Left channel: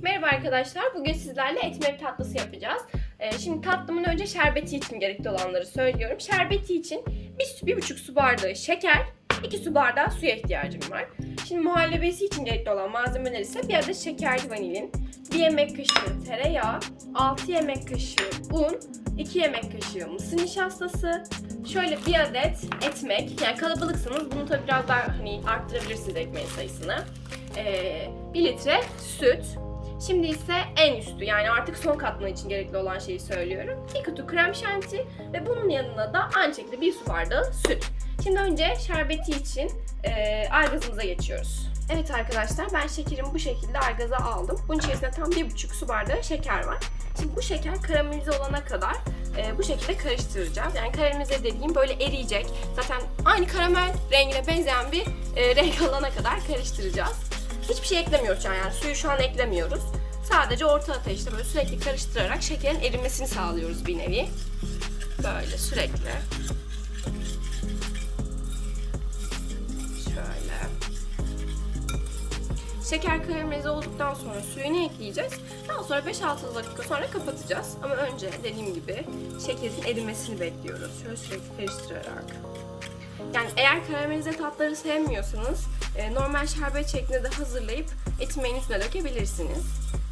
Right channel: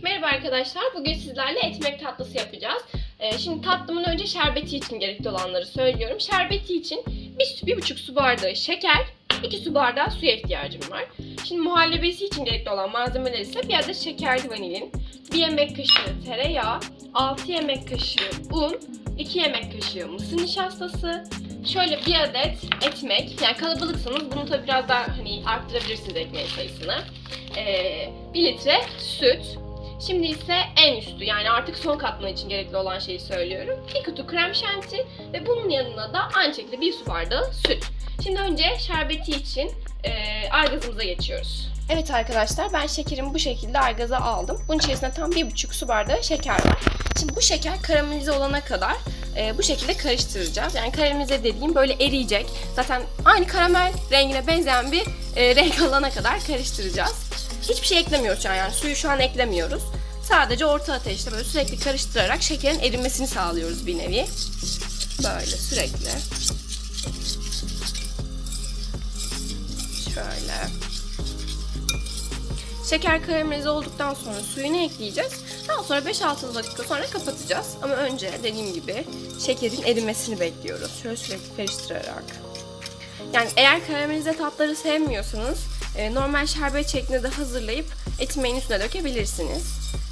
Merhaba arkadaşlar. Bugün sizlerle etmek tatlısı yapacağız. Ee, şimdi tatlımın önce şerbeti için gerekli olanları söylüyorum. Şerbeti için bir, su- bir buçuk su bardağı şeker, 2 su bardağı suya ihtiyacım var. Şimdi muhallebesi için gerekli olan malzemeler ise bir adet şekerli vanilin, 1 yemek kaşığı tereyağı, 6 yemek kaşığı un, 2 yemek kaşığı mısır nişastası, şöyle bir adet ekmek. Yani kalabalıksanız bunu tabii biraz daha hani arttırabilirsiniz ekmeğin sayısını. Ee, 1 litre süt, Şimdi ise en üstü yani artık son katman için gerekli olan şeyi söylüyorum. Bir kutu krem şanti ve bunun yanına da aynı şekilde bir su bardağı süt. Şimdi önce şerbeti için e, argazımıza geçiyoruz. Evet arkadaşlar ben şekerimi bu şekilde argaza aldım. Bunun içerisinde tam bir buçuk su bardağı şeker var. Şimdi bu şeker karamelize olana kadar e, bu şekilde karıştıracağız. Yani karamelize dediğim böyle eriyecek. Zaten aynı karamel rengine benzeyen bir e, renk alana kadar karıştıracağız. Hiçbir şey eklemiyoruz yani, yani suyu şu an eklemiyoruz. Sadece orta ateşte böyle sürekli karıştırarak şekerin erimesini sağlıyoruz bir nevi. Böyle sürekli. Şöyle. Şeker karamelize olduktan sonra suyunu ekleyeceğiz. Daha sonra 5-6 dakika sonra kapatacağız. Ama önce dediğim gibi şekerin erimesini bekliyoruz. Şöyle sürekli karıştırarak. Yani eğer karamelize tatları sevmiyorsanız e, normal şerbet şeklinde de hazırlayıp etimeğin üstüne dökebilirsiniz.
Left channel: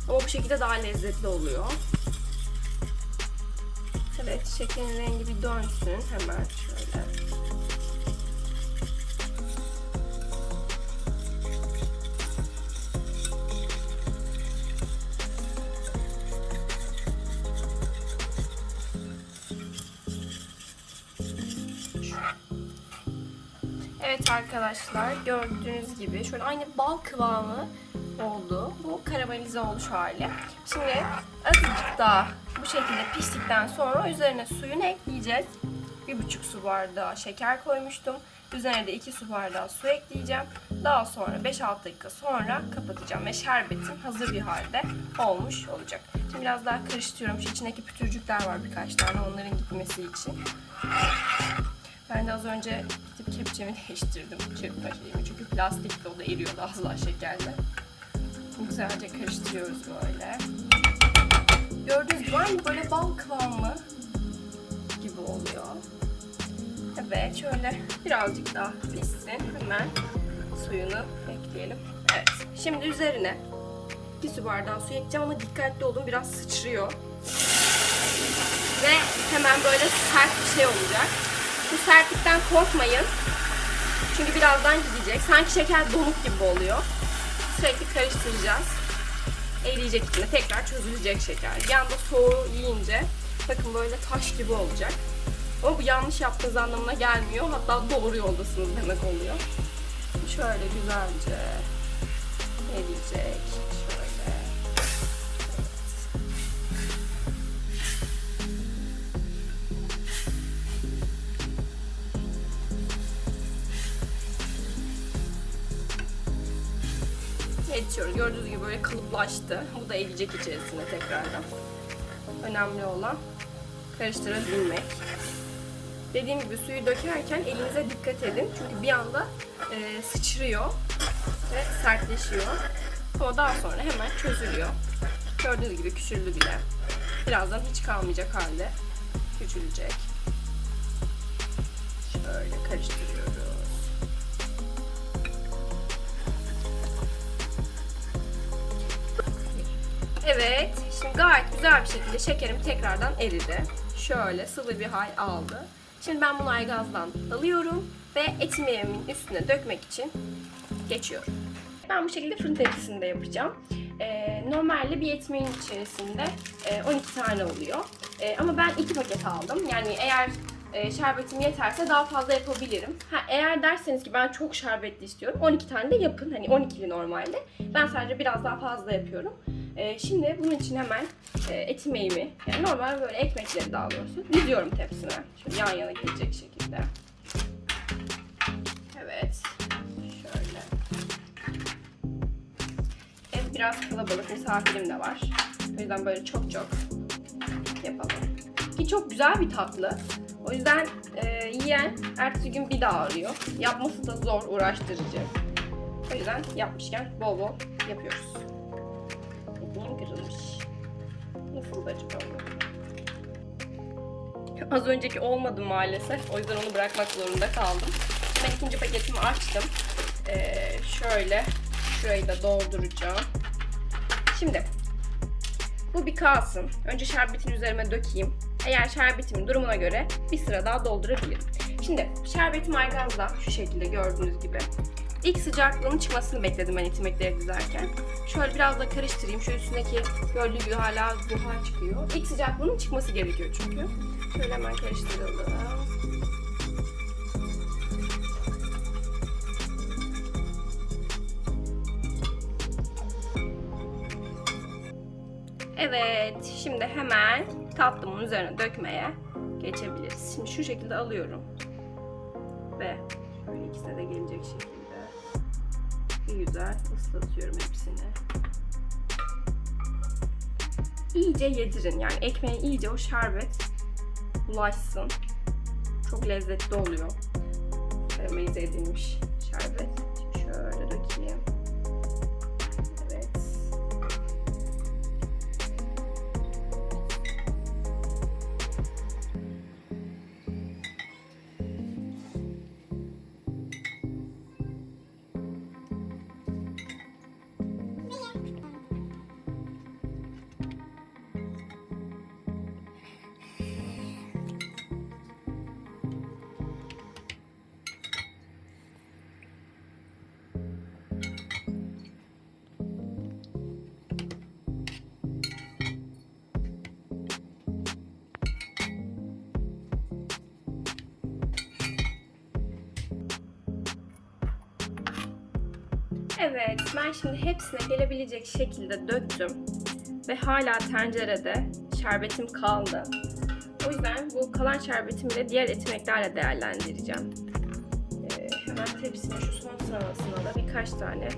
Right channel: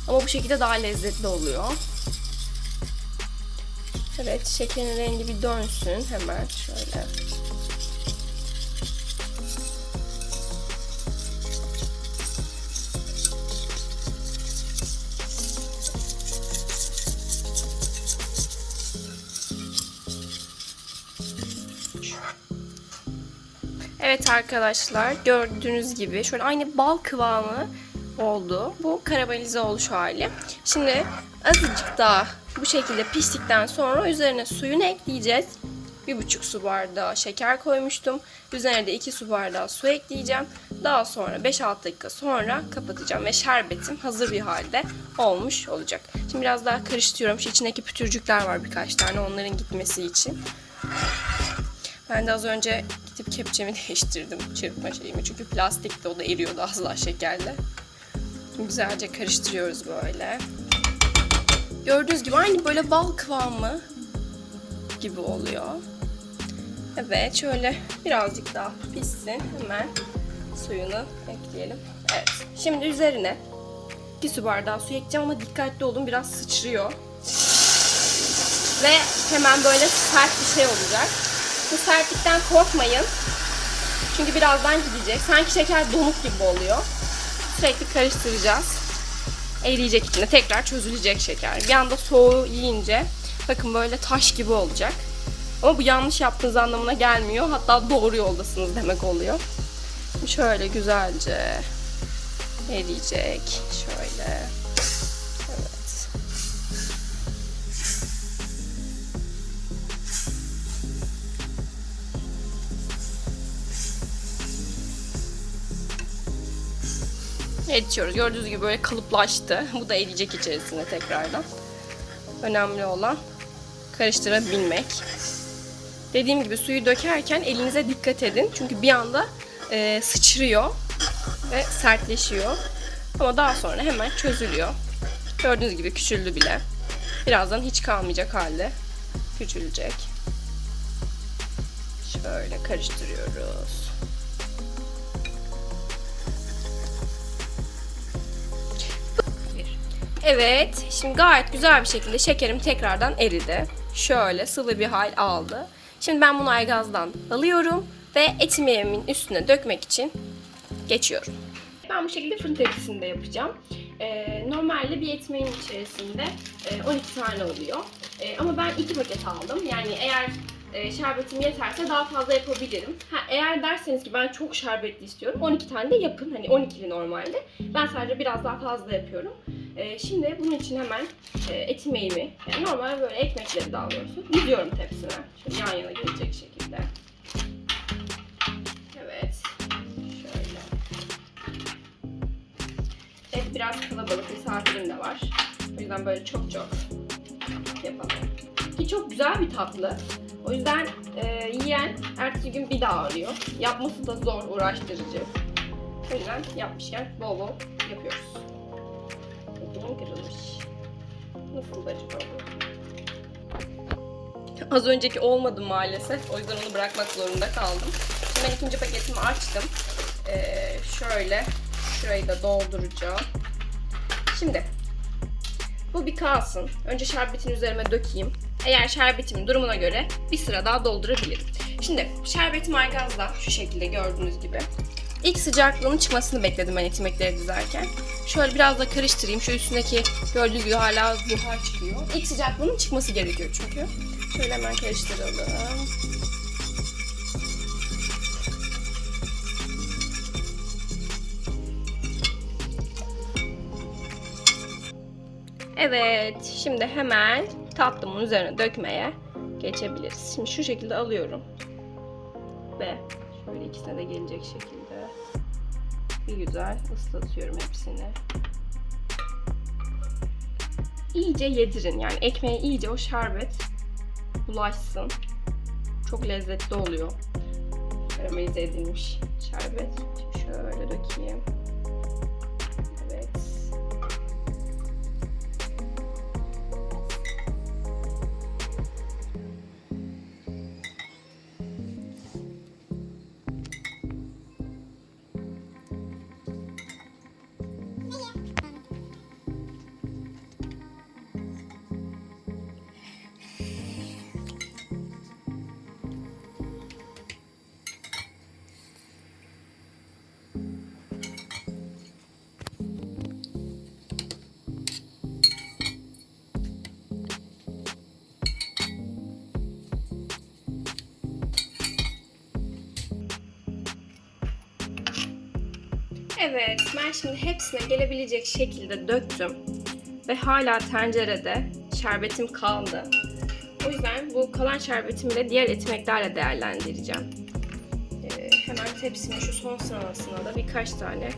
Ama bu şekilde daha lezzetli oluyor. Evet, şekerin rengi bir dönsün hemen şöyle. Arkadaşlar gördüğünüz gibi şöyle aynı bal kıvamı oldu. Bu karamelize oluş hali. Şimdi azıcık daha bu şekilde piştikten sonra üzerine suyunu ekleyeceğiz. Bir buçuk su bardağı şeker koymuştum. Üzerine de 2 su bardağı su ekleyeceğim. Daha sonra 5-6 dakika sonra kapatacağım ve şerbetim hazır bir halde olmuş olacak. Şimdi biraz daha karıştırıyorum. Şu içindeki pütürcükler var birkaç tane onların gitmesi için. Ben de az önce gidip kepçemi değiştirdim çırpma şeyimi. Çünkü plastikti o da eriyordu daha şekerle. Güzelce karıştırıyoruz böyle. Gördüğünüz gibi aynı böyle bal kıvamı gibi oluyor. Evet şöyle birazcık daha pişsin. Hemen suyunu ekleyelim. Evet. Şimdi üzerine bir su bardağı su ekleyeceğim ama dikkatli olun biraz sıçrıyor. Ve hemen böyle sert bir şey olacak. Bu sertlikten korkmayın. Çünkü birazdan gidecek. Sanki şeker donuk gibi oluyor. Sürekli karıştıracağız. Eriyecek içinde. Tekrar çözülecek şeker. Bir anda soğuğu yiyince bakın böyle taş gibi olacak. Ama bu yanlış yaptığınız anlamına gelmiyor. Hatta doğru yoldasınız demek oluyor. Şöyle güzelce eriyecek. Şöyle. Eritiyoruz. Gördüğünüz gibi böyle kalıplaştı. Bu da eriyecek içerisinde tekrardan. Önemli olan karıştırabilmek. Dediğim gibi suyu dökerken elinize dikkat edin. Çünkü bir anda e, sıçrıyor ve sertleşiyor. Ama daha sonra hemen çözülüyor. Gördüğünüz gibi küçüldü bile. Birazdan hiç kalmayacak halde küçülecek. Şöyle karıştırıyoruz. Evet, şimdi gayet güzel bir şekilde şekerim tekrardan eridi. Şöyle sıvı bir hal aldı. Şimdi ben bunu aygazdan alıyorum ve etimimin üstüne dökmek için geçiyorum. Ben bu şekilde fırın tepsisinde yapacağım. Ee, normalde bir etmeğin içerisinde e, 12 tane oluyor. E, ama ben 2 paket aldım. Yani eğer e, şerbetim yeterse daha fazla yapabilirim. Ha, eğer derseniz ki ben çok şerbetli istiyorum 12 tane de yapın. Hani 12'li normalde. Ben sadece biraz daha fazla yapıyorum. E, şimdi bunun için hemen e, yani normal böyle ekmekleri daha doğrusu diziyorum tepsime. Şöyle yan yana gelecek şekilde. Evet. Şöyle. Evet biraz kalabalık misafirim de var. O yüzden böyle çok çok yapalım. Ki çok güzel bir tatlı. O yüzden e, yiyen ertesi gün bir daha arıyor. Yapması da zor, uğraştırıcı. O yüzden yapmışken bol bol yapıyoruz. Nasıl acaba? Az önceki olmadı maalesef. O yüzden onu bırakmak zorunda kaldım. Şimdi ben ikinci paketimi açtım. Ee, şöyle şurayı da dolduracağım. Şimdi bu bir kalsın. Önce şerbetini üzerime dökeyim. Eğer şerbetimin durumuna göre bir sıra daha doldurabilirim. Şimdi şerbetim aygazda şu şekilde gördüğünüz gibi. İlk sıcaklığının çıkmasını bekledim ben etimekleri dizerken. Şöyle biraz da karıştırayım. Şu üstündeki gördüğünüz gibi hala buhar çıkıyor. İlk sıcaklığının çıkması gerekiyor çünkü. Şöyle hemen karıştıralım. Evet, şimdi hemen tatlımın üzerine dökmeye geçebiliriz. Şimdi şu şekilde alıyorum. Ve şöyle ikisine de gelecek şekilde bir güzel ıslatıyorum hepsini. İyice yedirin yani ekmeğe iyice o şerbet bulaşsın. Çok lezzetli oluyor. Karamelize edilmiş şerbet. Şöyle dökeyim. Evet, ben şimdi hepsine gelebilecek şekilde döktüm. Ve hala tencerede şerbetim kaldı. O yüzden bu kalan şerbetimi de diğer etimeklerle değerlendireceğim. Ee, hemen tepsinin şu son sırasına da birkaç tane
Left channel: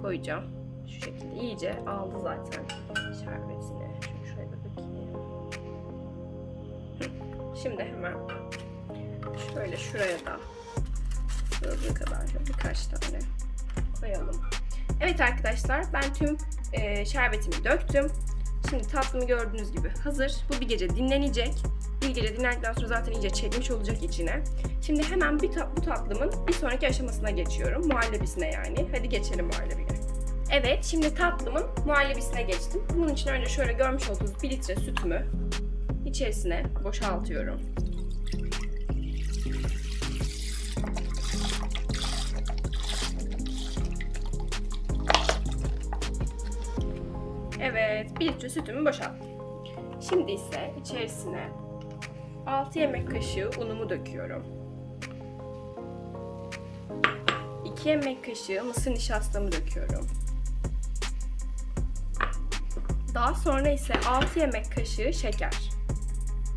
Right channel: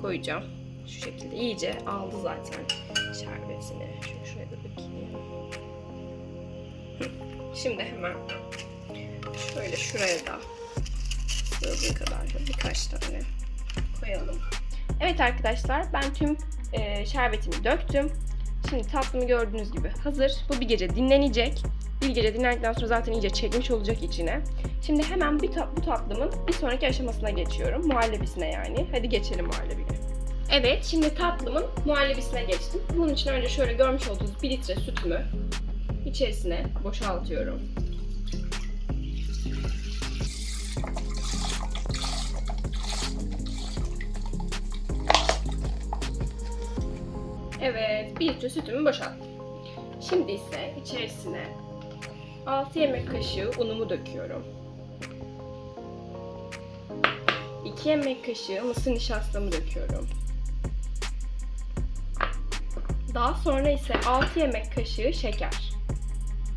koyacağım. Şu şekilde iyice aldı zaten şerbetini. Şunu şuraya da. Hı, Şimdi hemen şöyle şuraya da sığdığı kadar da birkaç tane koyalım. Evet arkadaşlar ben tüm e, şerbetimi döktüm. Şimdi tatlımı gördüğünüz gibi hazır. Bu bir gece dinlenecek. Bir gece dinlendikten sonra zaten iyice çekmiş olacak içine. Şimdi hemen bir ta- bu tatlımın bir sonraki aşamasına geçiyorum. Muhallebisine yani. Hadi geçelim muhallebiye. Evet şimdi tatlımın muhallebisine geçtim. Bunun için önce şöyle görmüş olduğunuz 1 litre sütümü içerisine boşaltıyorum. Evet, 1 litre sütümü boşalttım. Şimdi ise içerisine 6 yemek kaşığı unumu döküyorum. 2 yemek kaşığı mısır nişastamı döküyorum. Daha sonra ise 6 yemek kaşığı şeker.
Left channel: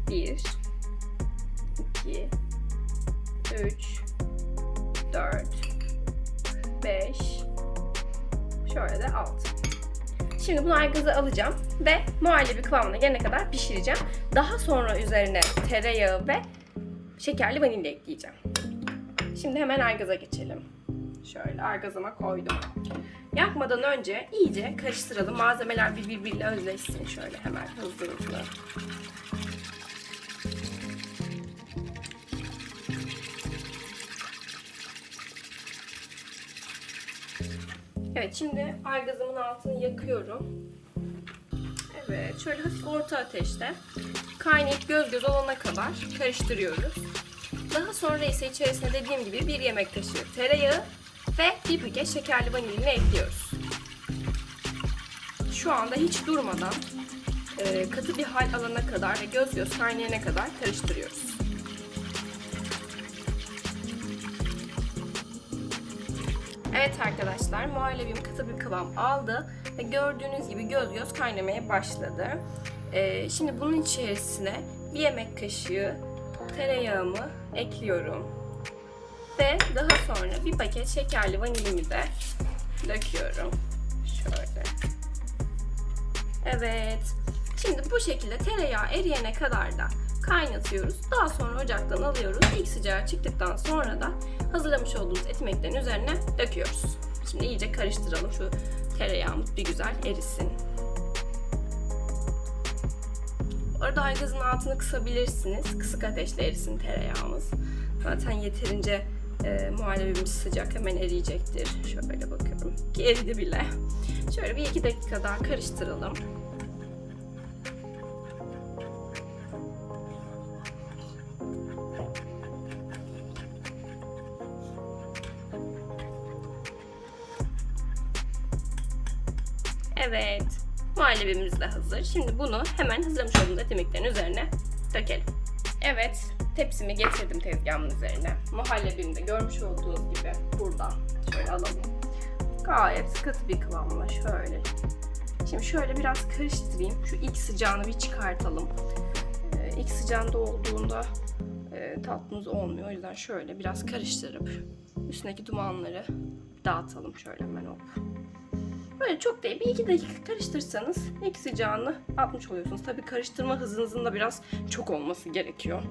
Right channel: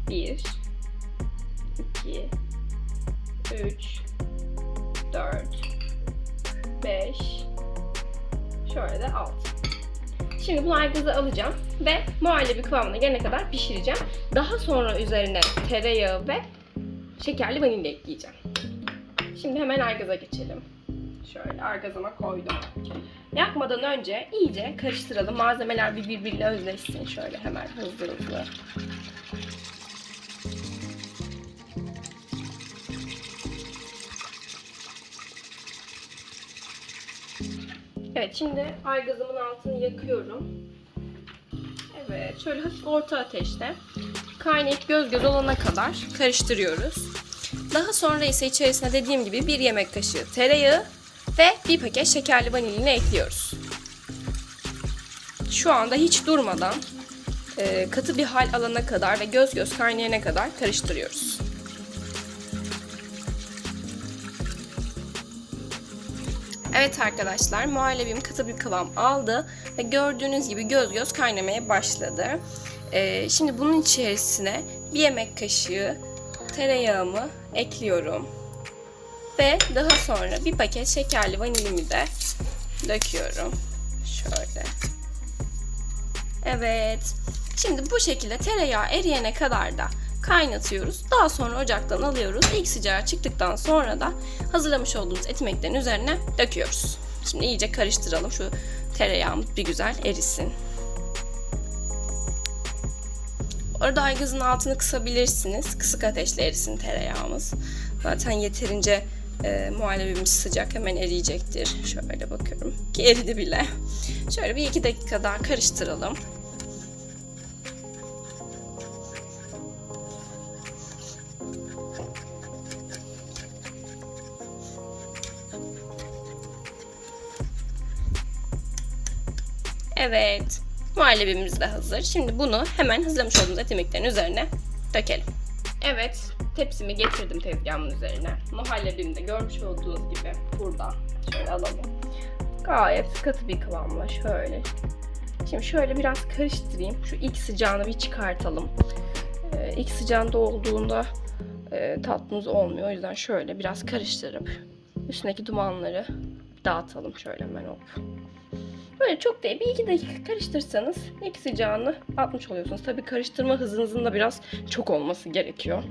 1 2 3 4 5 Şöyle de 6. Şimdi bunu aygazı alacağım ve muhallebi kıvamına gelene kadar pişireceğim. Daha sonra üzerine tereyağı ve şekerli vanilya ekleyeceğim. Şimdi hemen aygıza geçelim. Şöyle aygazıma koydum. Yakmadan önce iyice karıştıralım. Malzemeler bir birbiriyle özleşsin. Şöyle hemen hızlı hızlı. Evet şimdi aygazımın altını yakıyorum. Evet şöyle hafif orta ateşte kaynayıp göz göz olana kadar karıştırıyoruz. Daha sonra ise içerisine dediğim gibi bir yemek kaşığı tereyağı ve bir paket şekerli vanilini ekliyoruz. Şu anda hiç durmadan e, katı bir hal alana kadar ve göz göz kaynayana kadar karıştırıyoruz. Evet arkadaşlar muhallebim katı bir kıvam aldı ve gördüğünüz gibi göz göz kaynamaya başladı. Ee, şimdi bunun içerisine bir yemek kaşığı tereyağımı ekliyorum. Ve daha sonra bir paket şekerli vanilimi de döküyorum. Şöyle. Evet. Şimdi bu şekilde tereyağı eriyene kadar da kaynatıyoruz. Daha sonra ocaktan alıyoruz. İlk sıcağı çıktıktan sonra da hazırlamış olduğumuz etimeklerin üzerine döküyoruz. Şimdi iyice karıştıralım. Şu tereyağımız bir güzel erisin. Arada aygazın altını kısabilirsiniz. Kısık ateşle erisin tereyağımız. Zaten yeterince e, muhallebimiz sıcak hemen eriyecektir. Şöyle bakıyorum ki eridi bile. Şöyle bir iki dakika daha karıştıralım. Evet. Muhallebimiz de hazır. Şimdi bunu hemen hazırlamış olduğumuz et yemeklerin üzerine dökelim. Evet. Tepsimi getirdim tezgahımın üzerine. Muhallebimi de görmüş olduğunuz gibi burada. Şöyle alalım. Gayet katı bir kıvamla şöyle. Şimdi şöyle biraz karıştırayım. Şu ilk sıcağını bir çıkartalım. Ee, ilk sıcağında olduğunda e, tatlımız olmuyor. O yüzden şöyle biraz karıştırıp üstündeki dumanları dağıtalım şöyle hemen hop. Böyle çok değil. Bir iki dakika karıştırsanız ilk sıcağını atmış oluyorsunuz. Tabii karıştırma hızınızın da biraz çok olması gerekiyor.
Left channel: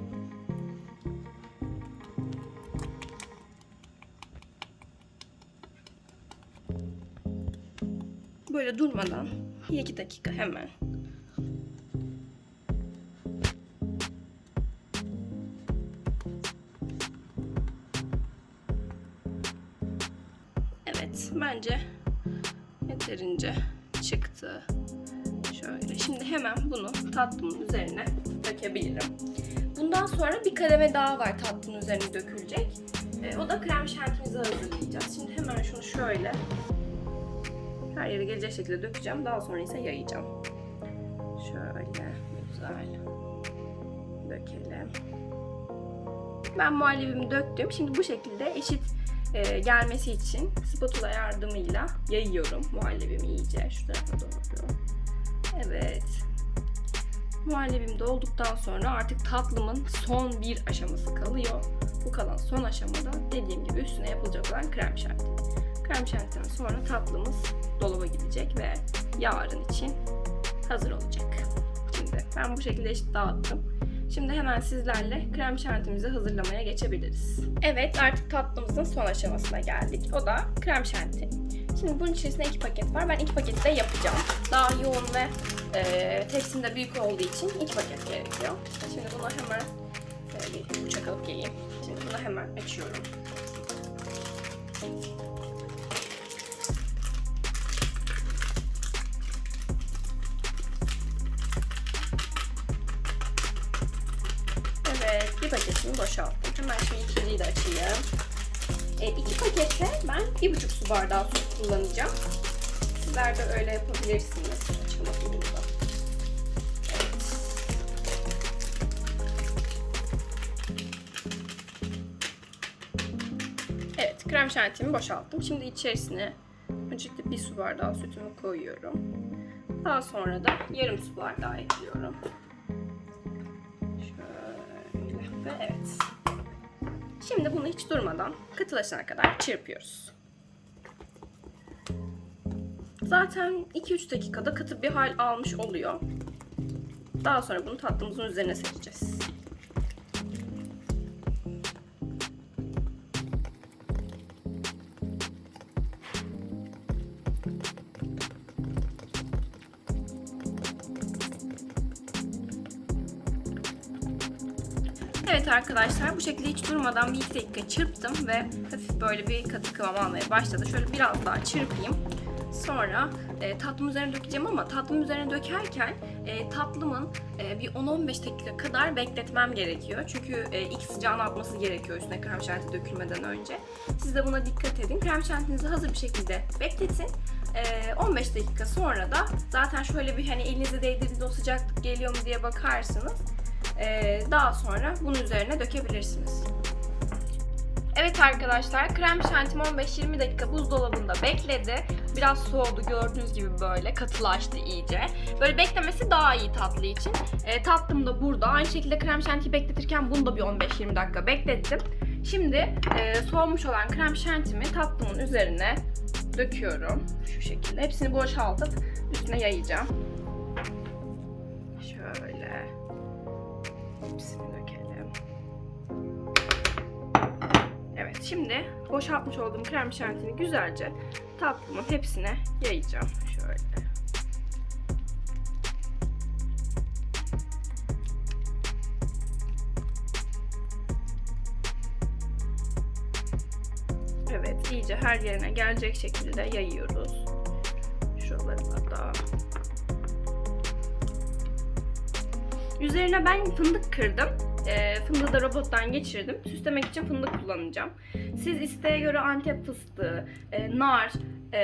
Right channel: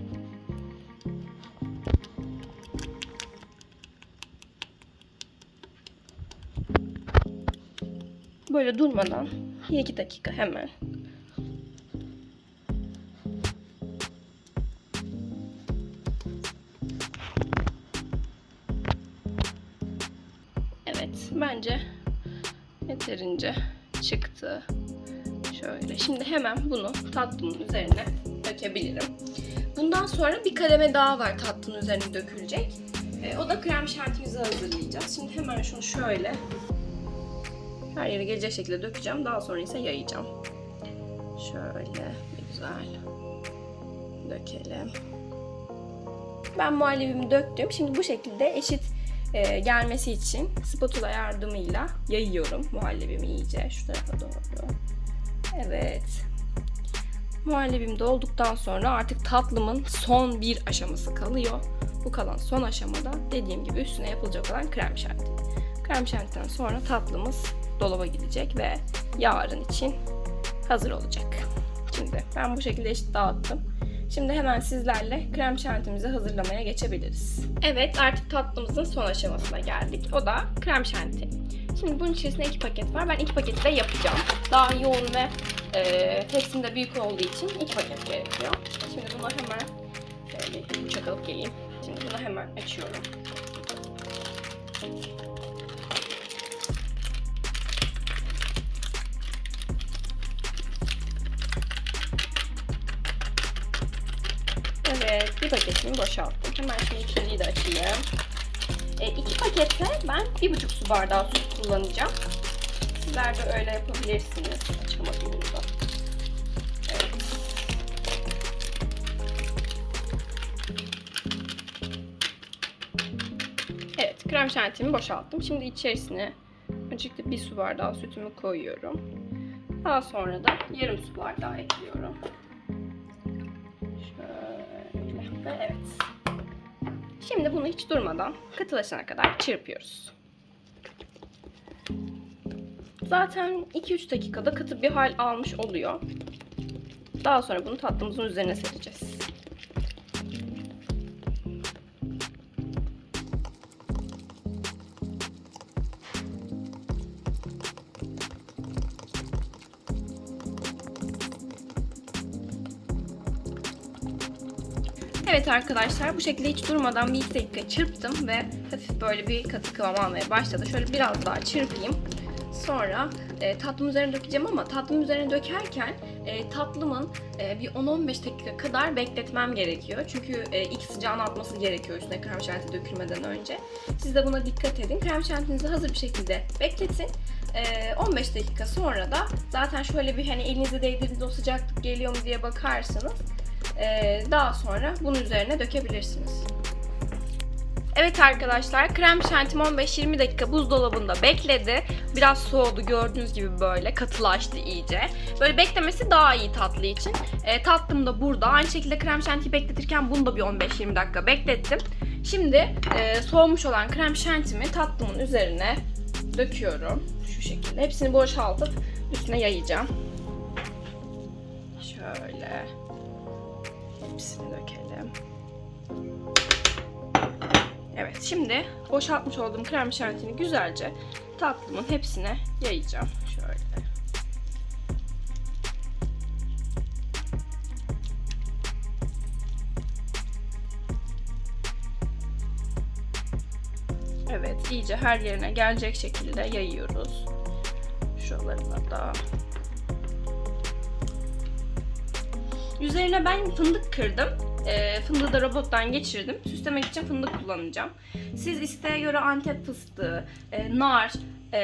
Böyle durmadan bir iki dakika hemen yeterince çıktı. Şöyle. Şimdi hemen bunu tatlımın üzerine dökebilirim. Bundan sonra bir kademe daha var tatlının üzerine dökülecek. Ee, o da krem şantimizi hazırlayacağız. Şimdi hemen şunu şöyle her yere gelecek şekilde dökeceğim. Daha sonra ise yayacağım. Şöyle güzel dökelim. Ben muhallebimi döktüm. Şimdi bu şekilde eşit e, gelmesi için spatula yardımıyla yayıyorum muhallebimi iyice şu tarafa doğru. Evet. Muhallebim de olduktan sonra artık tatlımın son bir aşaması kalıyor. Bu kalan son aşamada dediğim gibi üstüne yapılacak olan krem şanti. Krem şantiden sonra tatlımız dolaba gidecek ve yarın için hazır olacak. Şimdi ben bu şekilde eşit dağıttım. Şimdi hemen sizlerle krem şantimizi hazırlamaya geçebiliriz. Evet artık tatlımızın son aşamasına geldik. O da krem şanti. Şimdi bunun içerisinde iki paket var. Ben iki paketi de yapacağım. Daha yoğun ve e, tepsim de büyük olduğu için iki paket gerekiyor. Şimdi bunu hemen şöyle bir bıçak geleyim. Şimdi bunu hemen açıyorum. Evet, bir paketini boşalttım. Hemen şimdi ikinciyi de açayım. E, iki pakette ben bir buçuk su bardağı su kullanacağım. Sizler de öyle yapabilirsiniz. Açamadım bunu da. Evet. Evet, krem şantimi boşalttım. Şimdi içerisine öncelikle bir su bardağı sütümü koyuyorum. Daha sonra da yarım su bardağı ekliyorum. Ve evet. Şimdi bunu hiç durmadan katılaşana kadar çırpıyoruz. Zaten 2-3 dakikada katı bir hal almış oluyor. Daha sonra bunu tatlımızın üzerine sereceğiz. Evet arkadaşlar bu şekilde hiç durmadan bir dakika çırptım ve hafif böyle bir katı kıvam almaya başladı. Şöyle biraz daha çırpayım. Sonra e, tatlımın üzerine dökeceğim ama tatlımın üzerine dökerken e, tatlımın e, bir 10-15 dakika kadar bekletmem gerekiyor. Çünkü e, ilk sıcağını atması gerekiyor üstüne krem şanti dökülmeden önce. Siz de buna dikkat edin. Krem şantinizi hazır bir şekilde bekletin. E, 15 dakika sonra da zaten şöyle bir hani elinizi değdirdiğinde o sıcaklık geliyor mu diye bakarsınız. E, daha sonra bunun üzerine dökebilirsiniz. Evet arkadaşlar krem şantim 15-20 dakika buzdolabında bekledi. Biraz soğudu gördüğünüz gibi böyle katılaştı iyice. Böyle beklemesi daha iyi tatlı için. E, tatlım da burada. Aynı şekilde krem şantiyi bekletirken bunu da bir 15-20 dakika beklettim. Şimdi e, soğumuş olan krem şantimi tatlımın üzerine döküyorum. Şu şekilde. Hepsini boşaltıp üstüne yayacağım. hepsini dökelim. Evet şimdi boşaltmış olduğum krem şantini güzelce tatlımın hepsine yayacağım. Şöyle. Evet iyice her yerine gelecek şekilde yayıyoruz. Şuralarına da. Üzerine ben fındık kırdım. E, fındığı da robottan geçirdim. Süslemek için fındık kullanacağım. Siz isteğe göre antep fıstığı, e, nar, e,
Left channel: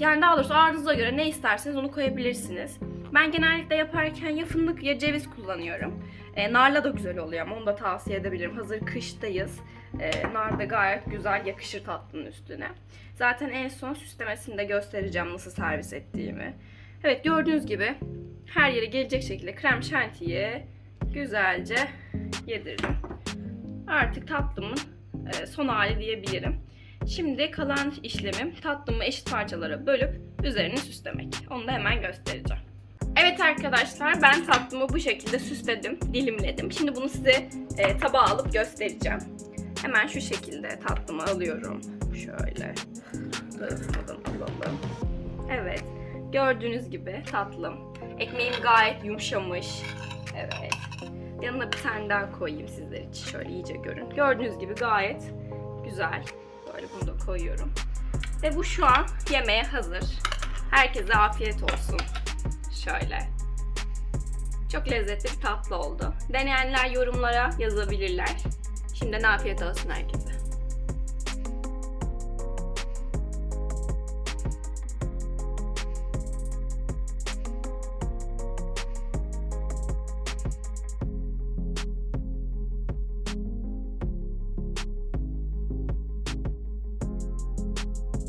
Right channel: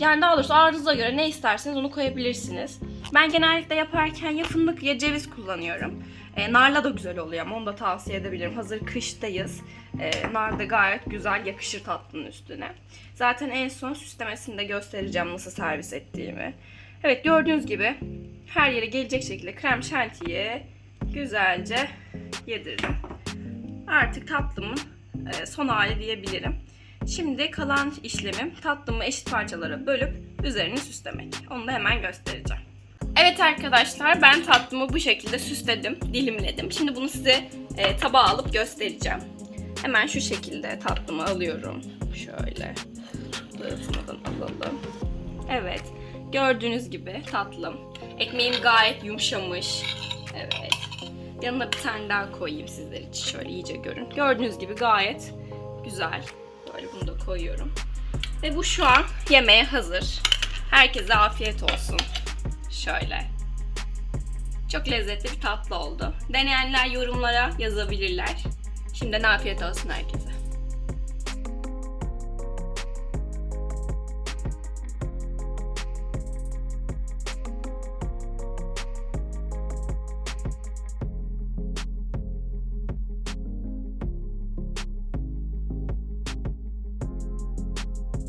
yani daha doğrusu arzunuza göre ne isterseniz onu koyabilirsiniz. Ben genellikle yaparken ya fındık ya ceviz kullanıyorum. E, narla da güzel oluyor ama onu da tavsiye edebilirim. Hazır kıştayız. E, nar da gayet güzel yakışır tatlının üstüne. Zaten en son süslemesini de göstereceğim nasıl servis ettiğimi. Evet gördüğünüz gibi her yere gelecek şekilde krem şantiyi güzelce yedirdim. Artık tatlımın e, son hali diyebilirim. Şimdi kalan işlemim tatlımı eşit parçalara bölüp üzerini süslemek. Onu da hemen göstereceğim. Evet arkadaşlar ben tatlımı bu şekilde süsledim, dilimledim. Şimdi bunu size e, tabağa alıp göstereceğim. Hemen şu şekilde tatlımı alıyorum. Şöyle dağıtmadan alalım. Evet gördüğünüz gibi tatlım. Ekmeğim gayet yumuşamış. Evet. Yanına bir tane daha koyayım sizler için şöyle iyice görün. Gördüğünüz gibi gayet güzel. Böyle bunu da koyuyorum. Ve bu şu an yemeğe hazır. Herkese afiyet olsun. Şöyle. Çok lezzetli bir tatlı oldu. Deneyenler yorumlara yazabilirler. Şimdiden afiyet olsun herkese.